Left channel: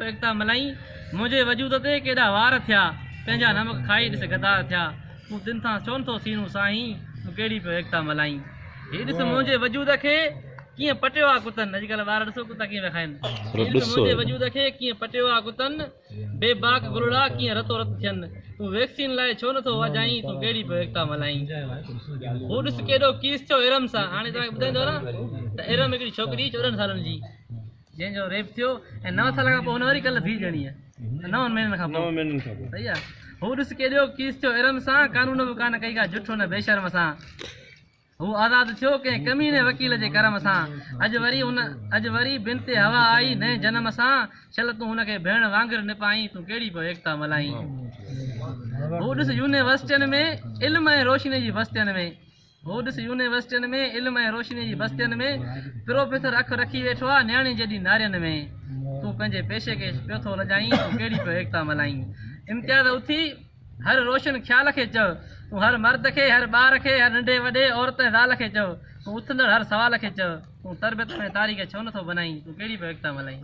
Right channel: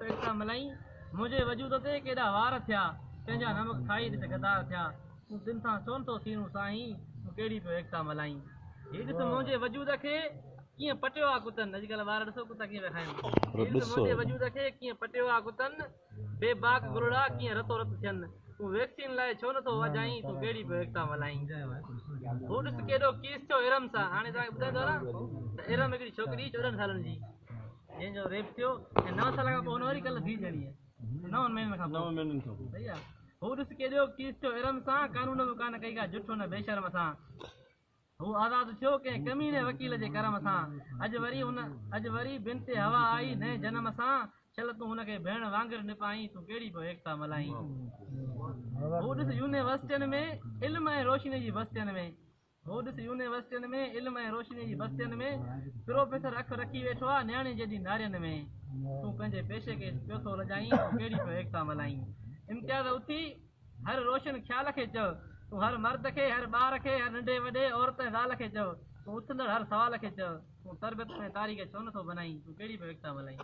पियो एकता मल्हाई मुंहिंजे वजूद ते केॾा वार थिया पंहिंजा नमक खाई ॾिस गदार थिया तूं दिन सां चवनि थो सीनू साईं तूं कहिड़ी पियो एकता मल्हाई हीअ ॾिस मुंहिंजे वजूद खे कीअं पटियो आहे कुतनि अॼुकल्ह ॿार ॾिसो कुता कीअं पिया खाइनि मुंहिंजे वजूद खे कीअं पटियो आहे कुतनि बेबाक गुरड़ा कीअं रतो रत थियनि तूं वैक्सीन लाइ छो नथो वॼाई तूं कहिड़ी पियो एकता मल्हाई हू ॾिस केॾो कीस थियो इरम सां हाणे तव्हांखे ॿुधाईंदो न त इरम हिकिड़ी छोकिरी 14 सालनि जी जंहिंजो रेप थियो ऐं 9 साल खां पोइ हुन वरी कल्ह धीउ ॼणी आहे 9 महीननि खां पोइ सही आहे हू ॾिस केॾो कीस थियो इरम सां कानून बि कान कई का जुठो न बेशर्म सां हू आज़ादु थियो कंहिं कमीने वकील जे करम सां अॼु वरी बिन ते हवा आई नए जनम सां चल तूं हुनखे भेण वांगुरु निपाई तूं कहिड़ी पियो एकता मल्हाई हू ॾिस यूनिवर्सिटियुनि में इल्म ऐं रोशनी जी बस्तियुनि में में प्रोफेसर अखि रखी वेठो आहे न्याणी जॾहिं नारियुनि में तूं पंहिंजे पेशे खे पियो थो लॼाई तूं कहिड़ी पियो एकता मल्हाई इम्तियाज़ उथी हर रोशन ख़्याल खे चओ तूं हर मर्द खे हर ॿार खे हर नंढे वॾे औरत ज़ाल खे चओ तूं उथंदड़ हर सवाल खे चओ तूं तरबियत में तारीख़ छो नथो बनाई तूं कहिड़ी पियो एकता मल्हाई